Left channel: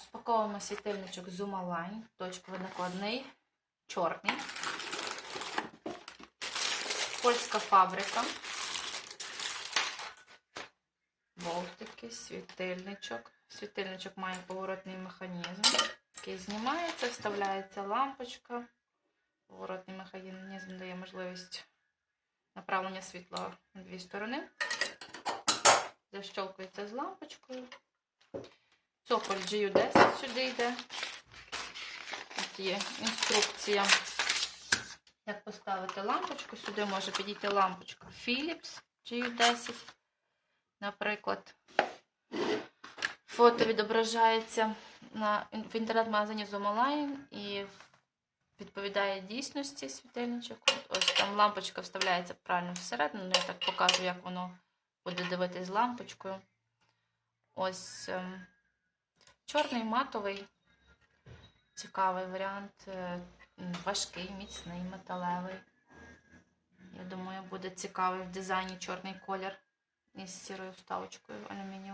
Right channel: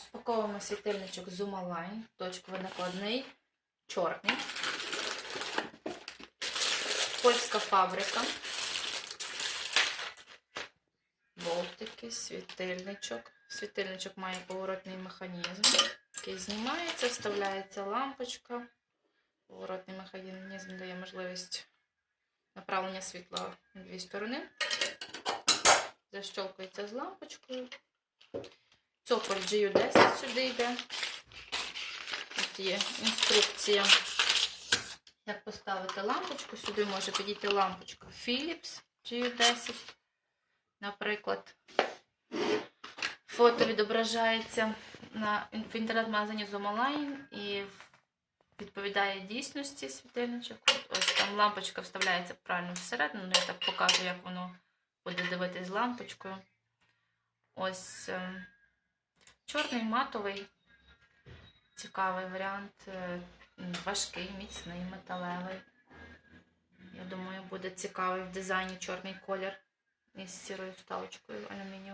Розпаковуємо світильничок Zuma Line, точковий накладний, чорний. Польська фабрика. Болтики, світильничок. Світильничок має поворотний механізм, який знімається, вставляється лампочка. Поворотний механізм дає можливість направлення світла на дві сторони. Защолкується з лампочкою. Цоколь GU10 сюди йде. Тут є інструкція, як поставити лампочку. Сюди може підійти лампочка Philips GU10. Наприклад, фото відображається на, в інтернет-магазині Zomaline і відповідає дійсності світильничок. Ось там лампочка вставляється правильно всередину. Ну, я так покажу, як воно буде дивитись лампочкою. Ось ем, чорний матовий, цікавий варіант, е, важкий, міцний, металевий. Я думаю, буде цікавий в дизайні чорний колір із сірою вставочкою алюмінієвою.